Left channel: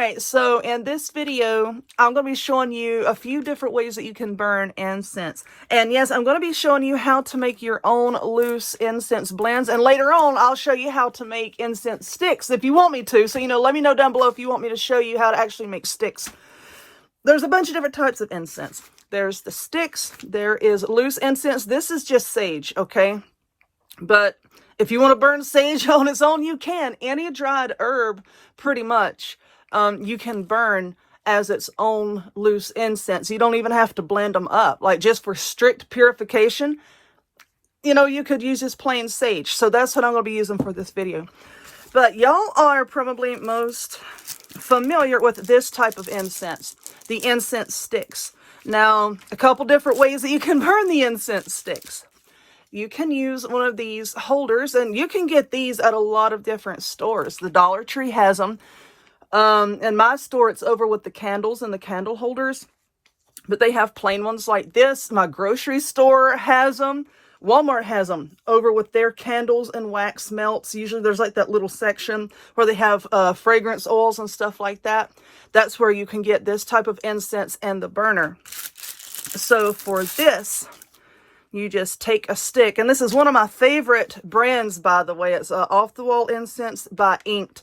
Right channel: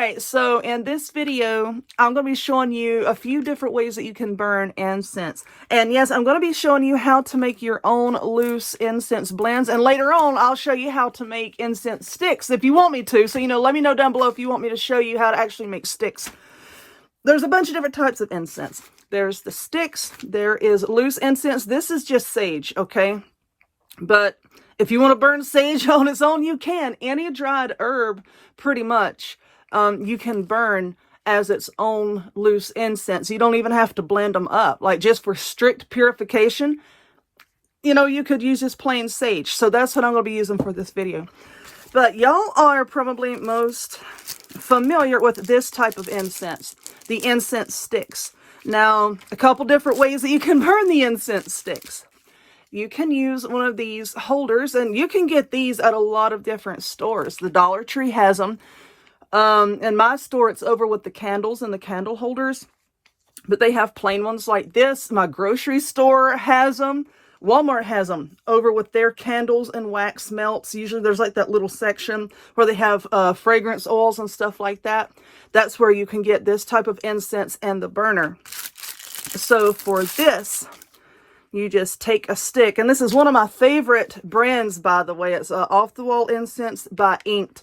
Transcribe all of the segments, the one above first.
right, so in this video, I'm going to be showing you a few different ways that you can burn incense. And yes, I'm going to be showing you how to make your own loose incense blends. And later on, I'll show you how to make incense sticks if you want me to. So, let me know down below if you want me to show you how to actually make sticks. There's a bunch of different types of incense. There's the sticks. There is loose incense. This is just sage, okay? But if you want to burn sage on its own, you can. Any dried herb, pretty much, you can burn as its own loose incense. You don't even have to blend them up. Like, just for strict purification, you could use just plain sage. So that's what I'm going to be using for this video. But y'all are probably most familiar with this type of incense, the incense sticks. Now, a couple different ways that you can burn the incense sticks. You can use one of these holders, and you can get these at a lot of different stores. The Dollar Tree has them. In my store, it's over with the candles and the candle holders. But they have plain ones like this. My grocery store has them. Walmart has them over with their candles and wax melts. Usually there's like that little section where they have fragrance oils and stuff like that. That's where you can get this type of incense and the burner. So for this, you just take a stick, and this is one of my favorite brands, by the way. It's Off the Wall Incense by Inked.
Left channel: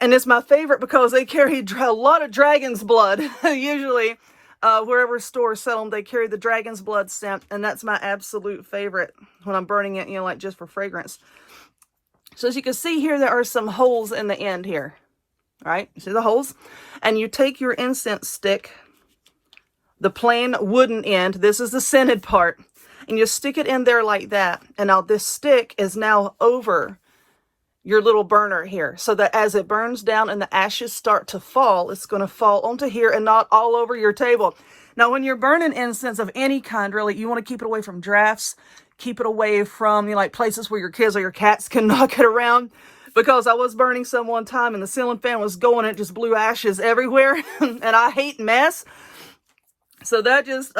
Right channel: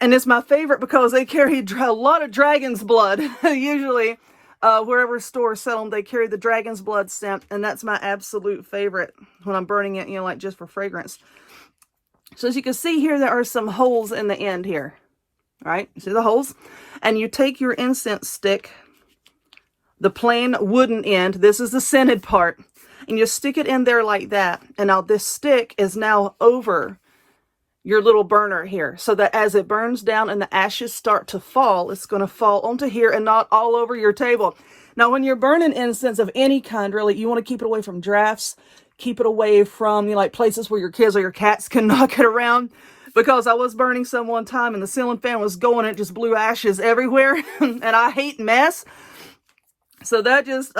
And it's my favorite because they carry a lot of dragon's blood. Usually, wherever stores sell them, they carry the dragon's blood scent, and that's my absolute favorite when I'm burning it, like just for fragrance. So as you can see here, there are some holes in the end here. All right, you see the holes? And you take your incense stick, the plain wooden end, this is the scented part, and you stick it in there like that. And now this stick is now over your little burner here, so that as it burns down and the ashes start to fall, it's going to fall onto here and not all over your table. Now, when you're burning incense of any kind, really, you want to keep it away from drafts, keep it away from, like places where your kids or your cats can knock it around. Because I was burning some one time and the ceiling fan was going, it just blew ashes everywhere. And I hate mess. So that just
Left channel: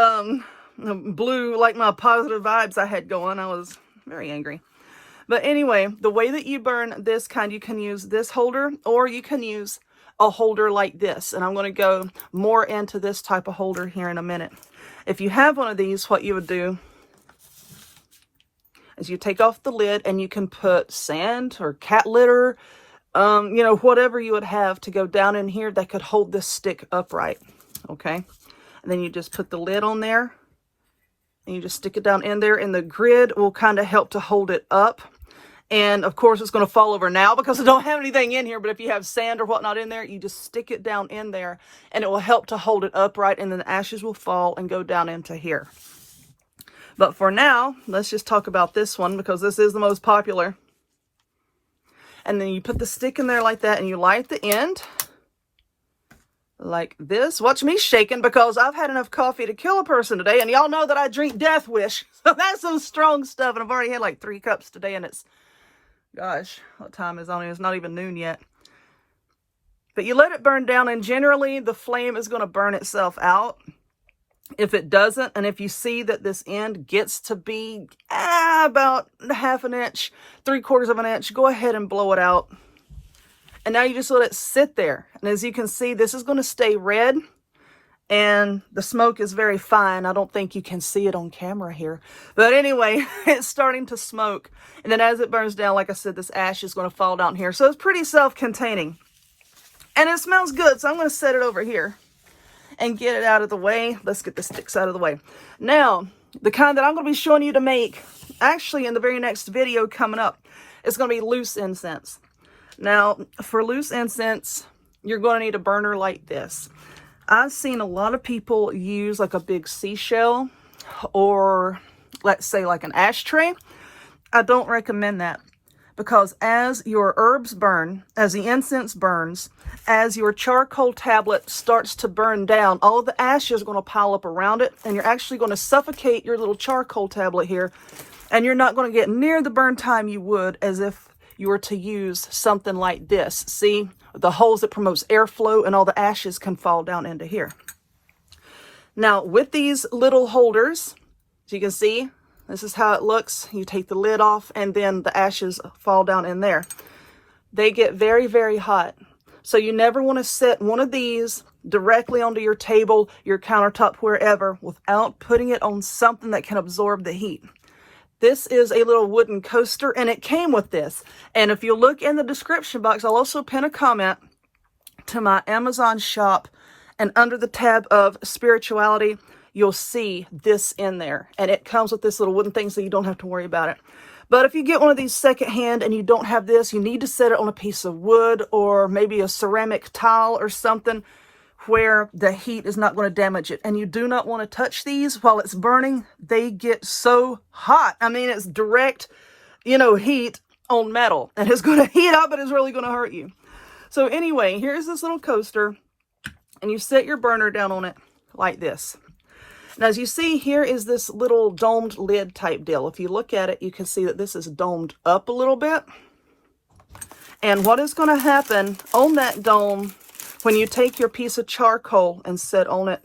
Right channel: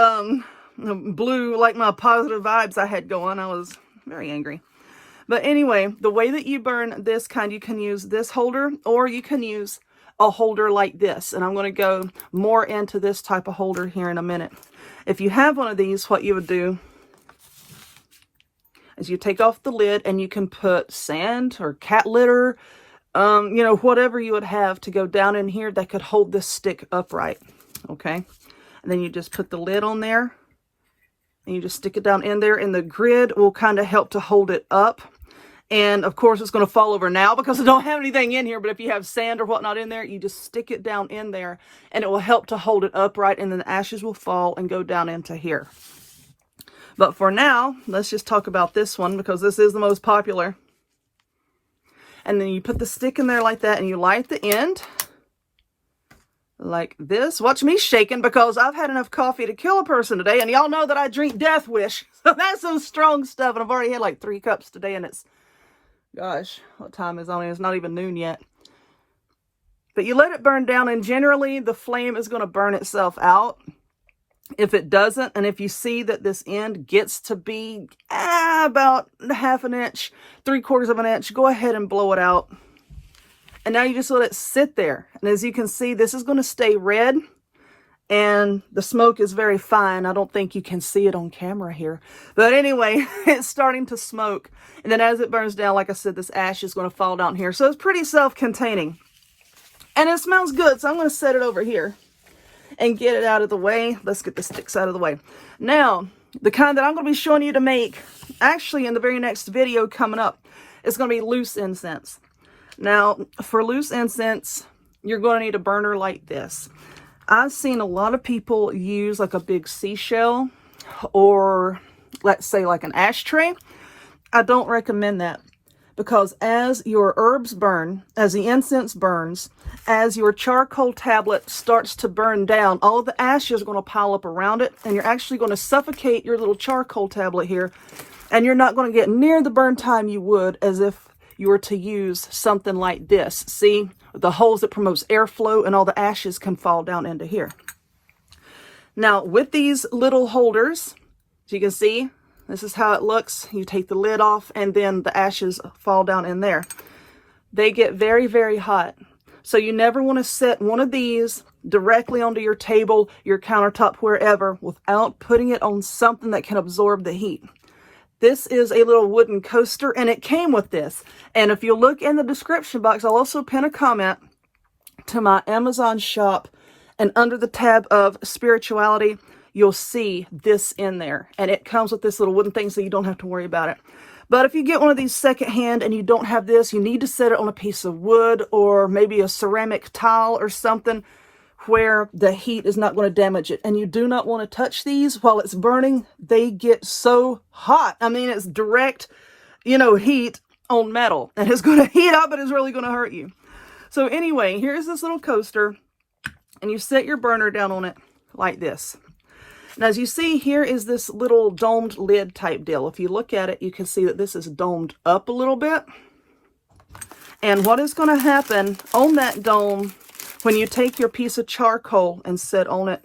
blew like my positive vibes I had going. I was very angry. But anyway, the way that you burn this kind, you can use this holder, or you can use a holder like this. And I'm going to go more into this type of holder here in a minute. If you have one of these, what you would do is you take off the lid, and you can put sand or cat litter, whatever you would have to go down in here that could hold this stick upright. Okay. And then you just put the lid on there, and you just stick it down in there, and the grid will kind of help to hold it up. And of course, it's going to fall over now because I don't have anything in here. But if you have sand or whatnot in there, you just stick it down in there, and it will help to hold it upright. And then the ashes will fall and go down into here. But for now, let's just talk about this one because this is the most popular. And then you put the stick in there like that, and you light the end like this. Watch me shaking because I've had enough coffee to kill a person today. And y'all know that I drink Death Wish. So that's some strong stuff. And I've already had like 3 cups today, and it's, gosh, what time is on it? It's not even noon yet. But you let it burn down, and generally the flame is going to burn itself out. If it doesn't, and if you see that this end gets to be about 1/2 inch, 3/4 of an inch, go ahead and blow it out. And now you just let it sit there. And as you can see, this is going to stay red, and the smoke is very fine. I don't think you can see it on camera here. But anyway, it's starting to smoke. And then as it burns down, like I said, this ash is going to fall down here. So it's pretty self-containing. And it smells good, so I'm going to set it over here and get it out of the way. Let's get the sticks out of the way. Now, the kind that I'm going to be showing you to make, actually in the very next video coming up, is going to be loose incense. Now, for loose incense, you're going to need a burner like this. I've seen a lot of people use like a big seashell, or let's say like an ashtray. I don't recommend that. Because as your herbs burn, as the incense burns, as your charcoal tablet starts to burn down, all of the ashes are going to pile up around it, and you're actually going to suffocate your little charcoal tablet here, and you're not going to get near the burn time you would as if you were to use something like this. See, the holes that promotes airflow, and all the ashes can fall down into here. Now, with these little holders, as you can see, this is how it looks. You take the lid off, and then the ashes fall down in there. They get very, very hot. So you never want to set one of these directly onto your table, your countertop, wherever, without putting it on something that can absorb the heat. This is a little wooden coaster, and it came with this. And if you look in the description box, I'll also pin a comment to my Amazon shop, and under the tab of spirituality, you'll see this in there. And it comes with this little wooden thing, so you don't have to worry about it. But if you get one of these secondhand and you don't have this, you need to set it on a piece of wood or maybe a ceramic tile or something where the heat is not going to damage it. And you do not want to touch these while it's burning. They get so hot. I mean, it's direct, heat on metal, and it's going to heat up and it's really going to hurt you. So anyway, here's this little coaster, and you set your burner down on it like this. Now, as you see, here is this little domed lid type deal. If you look at it, you can see that this is domed up a little bit. And what is going to happen on that dome, when you take your piece of charcoal and set on it,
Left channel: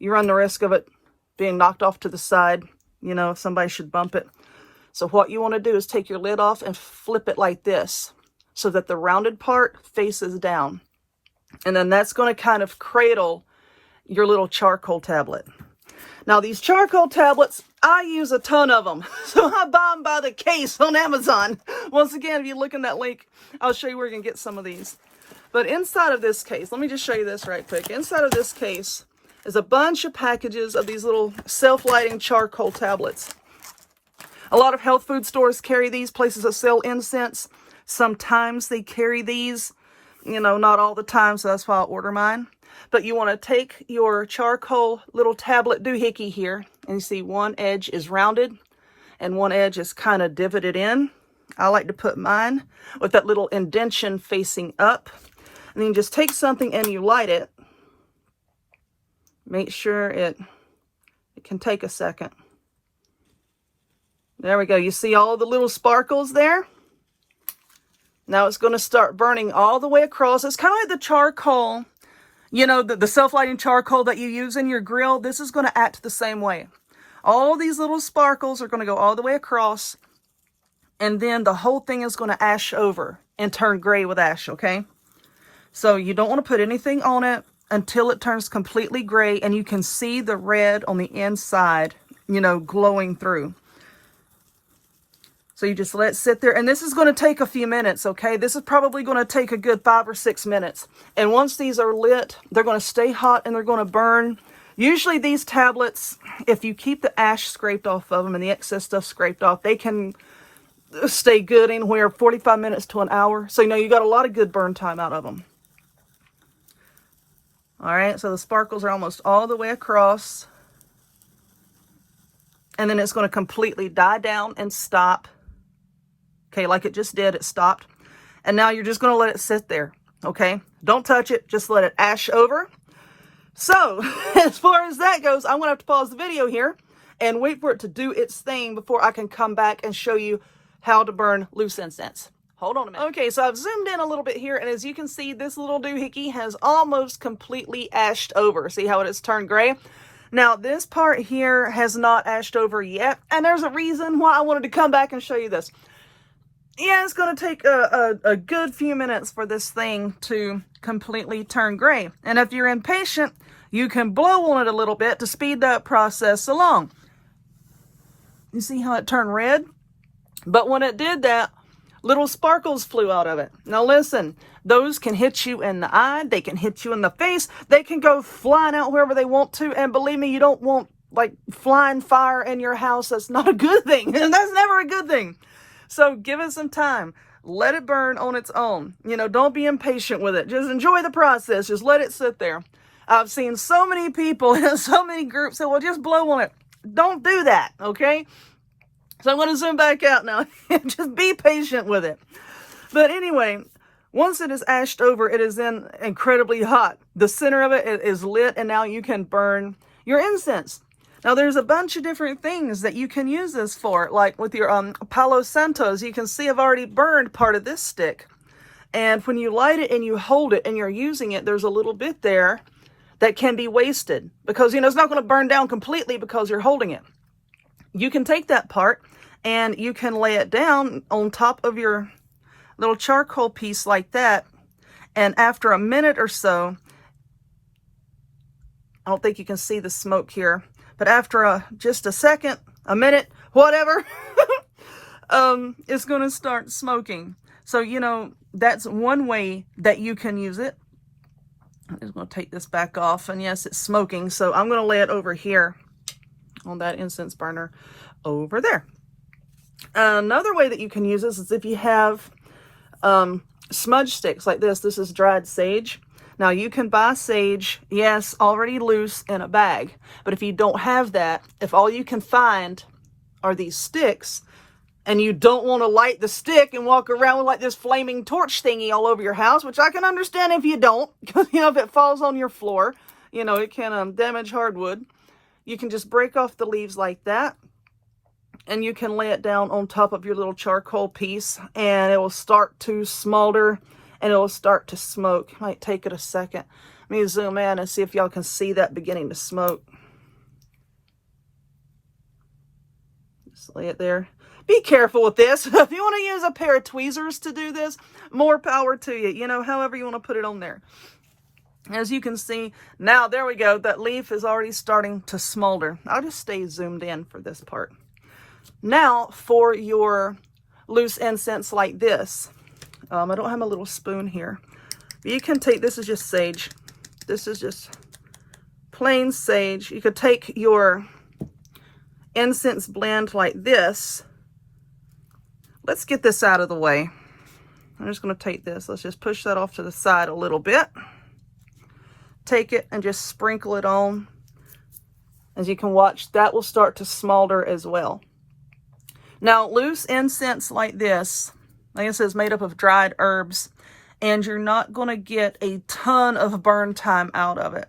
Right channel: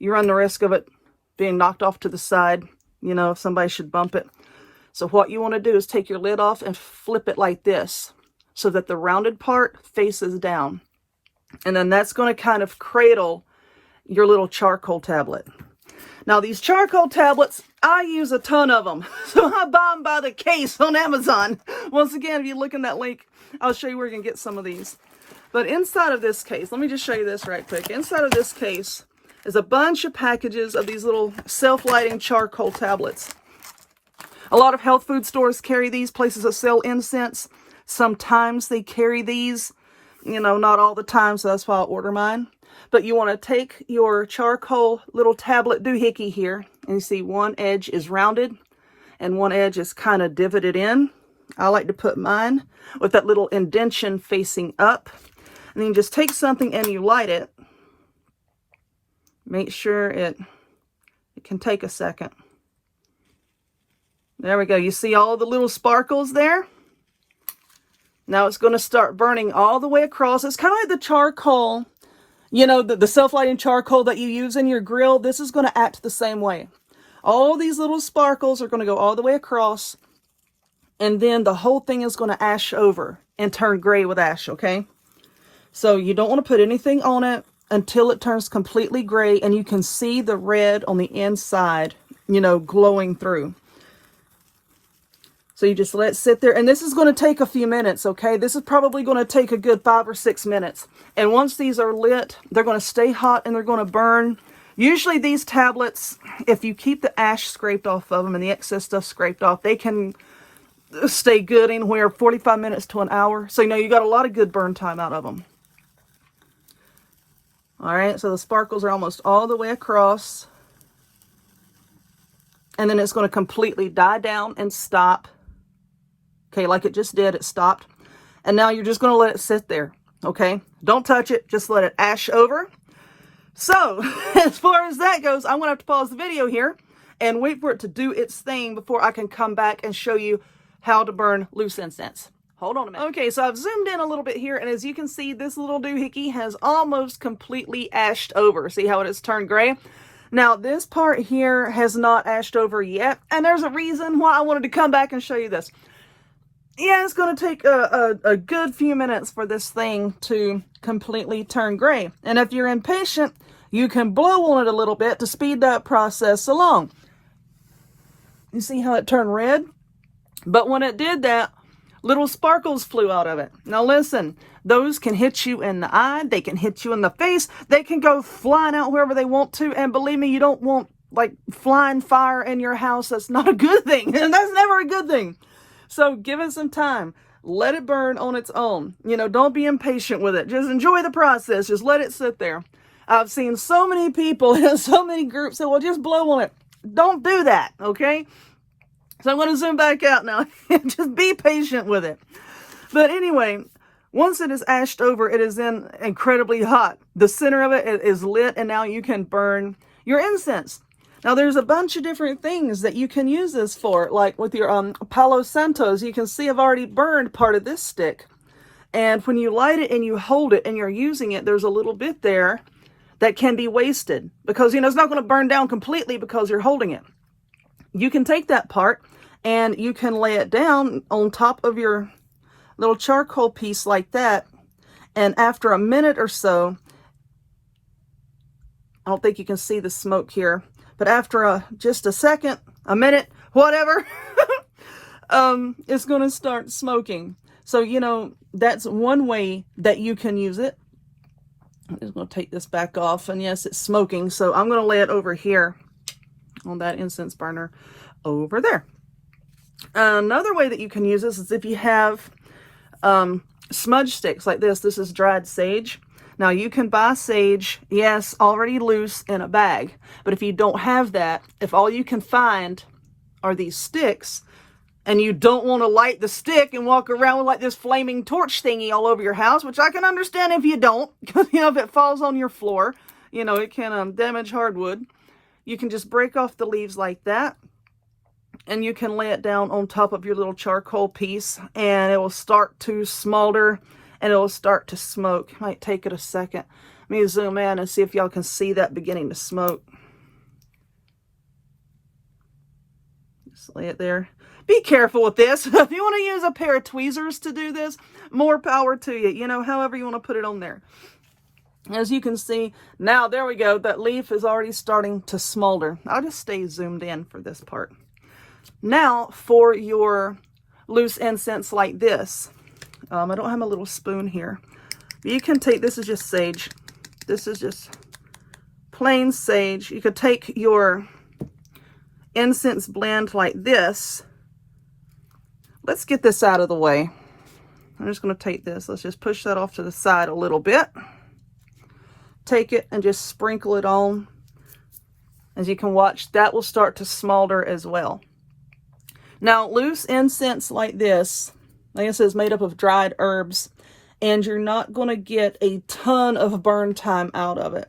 you run the risk of it being knocked off to the side, if somebody should bump it. So what you want to do is take your lid off and flip it like this, so that the rounded part faces down. And then that's going to kind of cradle your little charcoal tablet. Now, these charcoal tablets, I use a ton of them. So I buy them by the case on Amazon. Once again, if you look in that link, I'll show you where you can get some of these. But inside of this case, let me just show you this right quick. Inside of this case is a bunch of packages of these little self-lighting charcoal tablets. A lot of health food stores carry these, places that sell incense. Sometimes they carry these, not all the time, so that's why I order mine. But you want to take your charcoal little tablet doohickey here, and you see one edge is rounded and one edge is kind of divoted in. I like to put mine with that little indentation facing up. And then you just take something and you light it. Make sure it can take a second. There we go. You see all the little sparkles there? Now it's going to start burning all the way across. It's kind of like the charcoal, the self-lighting charcoal that you use in your grill. This is going to act the same way. All these little sparkles are going to go all the way across, and then the whole thing is going to ash over and turn gray with ash, okay? So you don't want to put anything on it until it turns completely gray, and you can see the red on the inside, glowing through. So you just let it sit there, and this is going to take a few minutes, okay? This is probably going to take a good 5 or 6 minutes. And once these are lit, they're going to stay hot and they're going to burn. Usually these tablets, if you keep the ash scraped off of them and the excess stuff scraped off, they can stay good anywhere 45 minutes to an hour. So, you got a lot of good burn time out of them. All right, so the sparkles are almost all the way across. And then it's going to completely die down and stop. Okay, like it just did, it stopped. And now you're just going to let it sit there, okay? Don't touch it, just let it ash over. So, as far as that goes, I'm going to have to pause the video here and wait for it to do its thing before I can come back and show you how to burn loose incense. Hold on a minute. Okay, so I've zoomed in a little bit here, and as you can see, this little doohickey has almost completely ashed over. See how it has turned gray? Now, this part here has not ashed over yet, and there's a reason why I wanted to come back and show you this. Yeah, it's going to take a good few minutes for this thing to completely turn gray. And if you're impatient, you can blow on it a little bit to speed that process along. You see how it turned red? But when it did that, little sparkles flew out of it. Now listen, those can hit you in the eye, they can hit you in the face, they can go flying out wherever they want to, and believe me, you don't want flying fire in your house. That's not a good thing. That's never a good thing. So give it some time. Let it burn on its own. Don't be impatient with it. Just enjoy the process. Just let it sit there. I've seen so many people in so many groups say, well, just blow on it. Don't do that, okay? So I'm going to zoom back out now. Just be patient with it. But anyway, once it is ashed over, it is then incredibly hot. The center of it is lit, and now you can burn your incense. Now, there's a bunch of different things that you can use this for, like with your Palo Santos. You can see I've already burned part of this stick. And when you light it and you hold it and you're using it, there's a little bit there that can be wasted because, it's not going to burn down completely because you're holding it. You can take that part and you can lay it down on top of your little charcoal piece like that. And after a minute or so, I don't think you can see the smoke here, but after just a second, a minute, whatever, it's going to start smoking. So, you know, that's one way that you can use it. I'm just going to take this back off, and yes, it's smoking. So I'm going to lay it over here on that incense burner over there. Another way that you can use this is if you have smudge sticks like this. This is dried sage. Now you can buy sage, yes, already loose in a bag, but if you don't have that, if all you can find are these sticks, and you don't want to light the stick and walk around with like this flaming torch thingy all over your house, which I can understand if you don't, you know, if it falls on your floor, you know, it can damage hardwood. You can just break off the leaves like that, and you can lay it down on top of your little charcoal piece, and it will start to smolder, and it will start to smoke. It might take it a second. Let me zoom in and see if y'all can see that beginning to smoke. Just lay it there. Be careful with this. If you want to use a pair of tweezers to do this, more power to you. You know, however you want to put it on there. As you can see, now there we go. That leaf is already starting to smolder. I'll just stay zoomed in for this part. Now, for your loose incense like this, I don't have my little spoon here. You can take, this is just sage. This is just plain sage. You could take your incense blend like this. Let's get this out of the way. I'm just going to take this. Let's just push that off to the side a little bit. Take it and just sprinkle it on. As you can watch, that will start to smolder as well. Now, loose incense like this, like I said, is made up of dried herbs, and you're not going to get a ton of burn time out of it.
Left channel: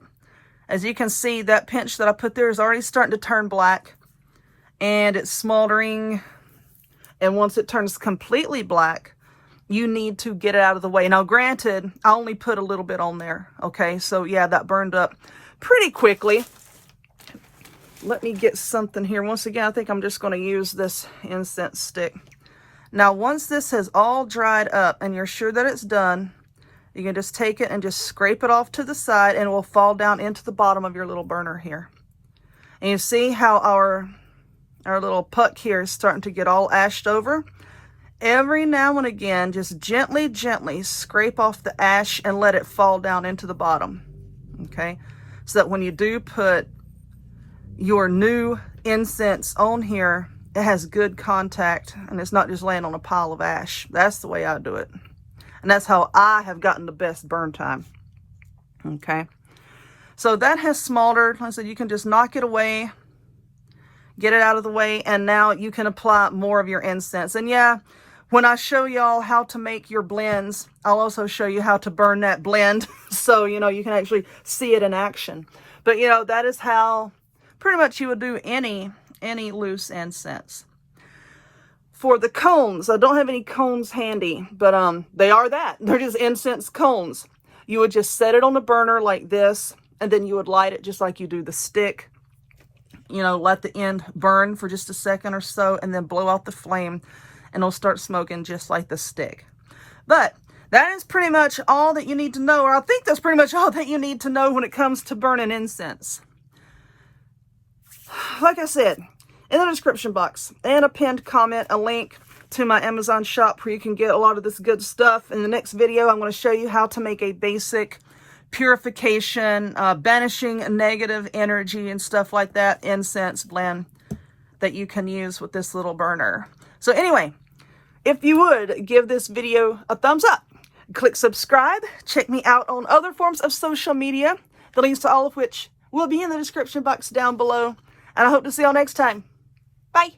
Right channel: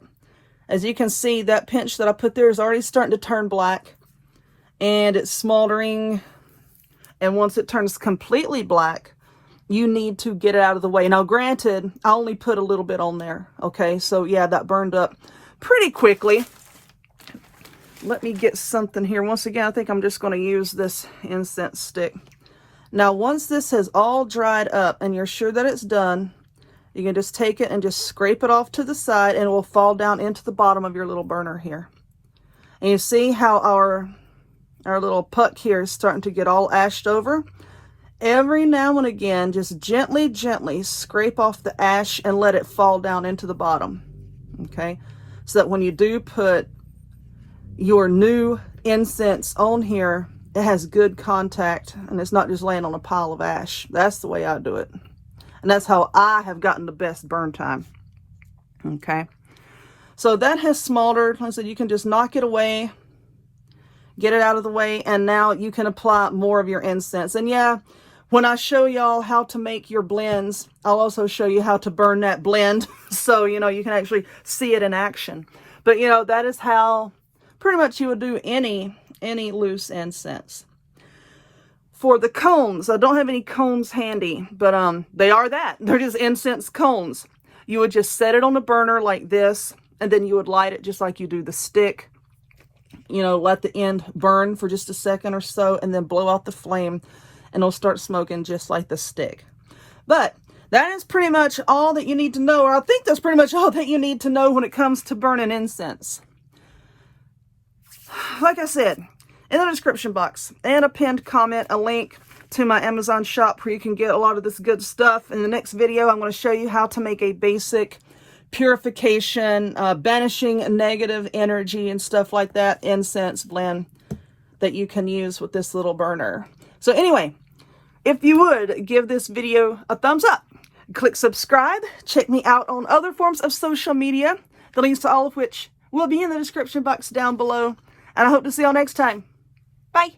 As you can see, that pinch that I put there is already starting to turn black, and it's smoldering. And once it turns completely black, you need to get it out of the way. Now, granted, I only put a little bit on there, okay? So, yeah, that burned up pretty quickly. Let me get something here. Once again, I think I'm just going to use this incense stick. Now, once this has all dried up and you're sure that it's done, you can just take it and just scrape it off to the side, and it will fall down into the bottom of your little burner here. And you see how our little puck here is starting to get all ashed over. Every now and again, just gently, gently scrape off the ash and let it fall down into the bottom, okay? So that when you do put your new incense on here, it has good contact and it's not just laying on a pile of ash. That's the way I do it. And that's how I have gotten the best burn time, okay? So that has smoldered. Like I said, you can just knock it away, get it out of the way, and now you can apply more of your incense. And yeah, when I show y'all how to make your blends, I'll also show you how to burn that blend. So, you know, you can actually see it in action. But, you know, that is how pretty much you would do any loose incense. For the cones, I don't have any cones handy, but they are that. They're just incense cones. You would just set it on the burner like this, and then you would light it just like you do the stick. You know, let the end burn for just a second or so, and then blow out the flame, and it'll start smoking just like the stick. But that is pretty much all that you need to know, or I think that's pretty much all that you need to know when it comes to burning incense. Like I said, in the description box and a pinned comment, a link to my Amazon shop where you can get a lot of this good stuff. In the next video, I'm going to show you how to make a basic purification, banishing negative energy and stuff like that incense blend that you can use with this little burner. So anyway, if you would give this video a thumbs up, click subscribe, check me out on other forms of social media, the links to all of which will be in the description box down below, and I hope to see you all next time. Bye.